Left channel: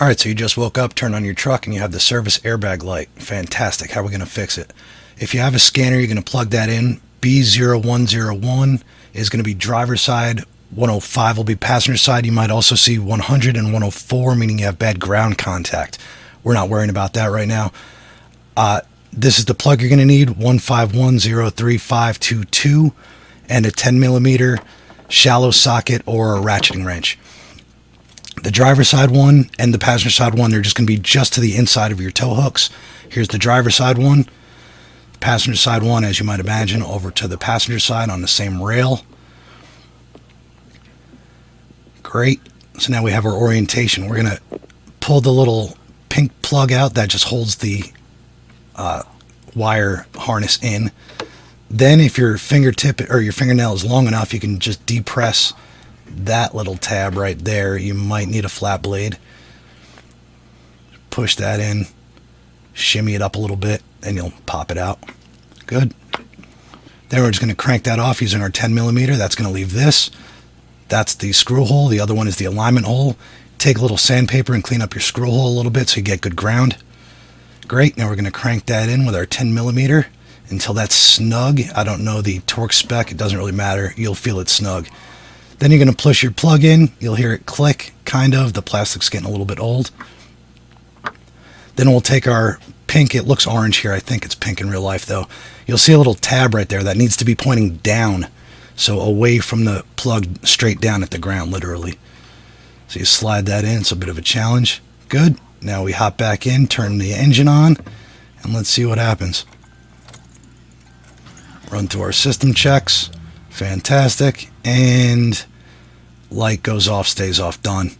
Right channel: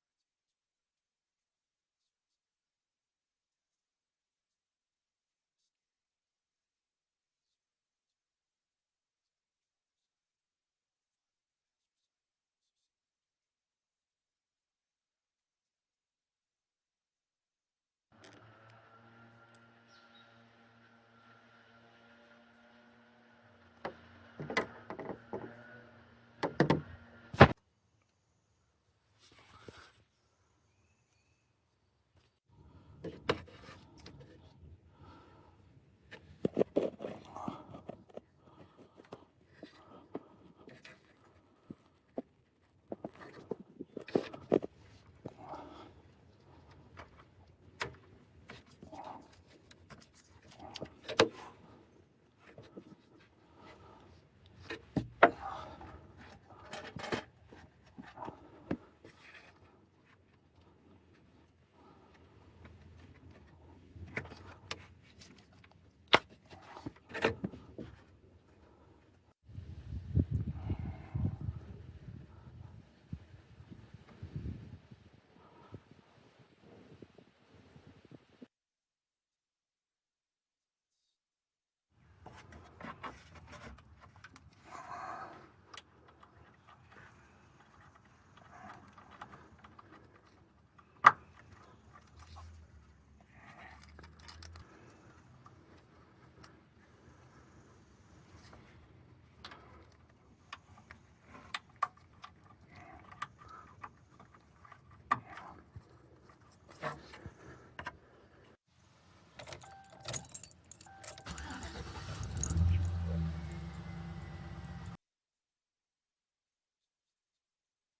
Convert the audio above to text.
All right, so you just woke up, turn on your truck, and you have the service airbag light. Fantastic. How are we going to fix it? If you have a scanner, you're going to plug that in. B0101 is going to be driver's side. 105 will be passenger side. You might also see 100 and 104, meaning you have bad ground contact. We're not worrying about that right now. This is the plug you're going to need, 1510352, and a 10 millimeter shallow socket or a ratcheting wrench. The driver's side one and the passenger side one, they're just going to be just to the inside of your tow hooks. Here's the driver's side one. Passenger side one, as you might imagine, over to the passenger side on the same rail. Great. So now we have our orientation. We're going to pull the little pink plug out that just holds the wire harness in. Then if your fingertip or your fingernail is long enough, you can just depress that little tab right there. You might need a flat blade. Push that in, shimmy it up a little bit, and you'll pop it out. Good. Then we're just going to crank that off using our 10 millimeter. That's going to leave this. That's the screw hole. The other one is the alignment hole. Take a little sandpaper and clean up your screw hole a little bit so you get good ground. Great. Now we're going to crank that in with our 10 millimeter until that's snug. I don't know the torque spec. It doesn't really matter. You'll feel it snug. Then you're going to push your plug in. You'll hear it click, kind of. The plastic's getting a little bit old. Then we'll take our pink. It looks orange here. I think it's pink in real life, though. You'll see a little tab right there that needs to be pointing down. So away from the plug, straight down at the ground, literally. So you slide that in. It's a bit of a challenge. Good. Now we hop back in, turn the engine on, and let's see what happens. Run through our system checks. Fantastic. And light goes off, stays off, done.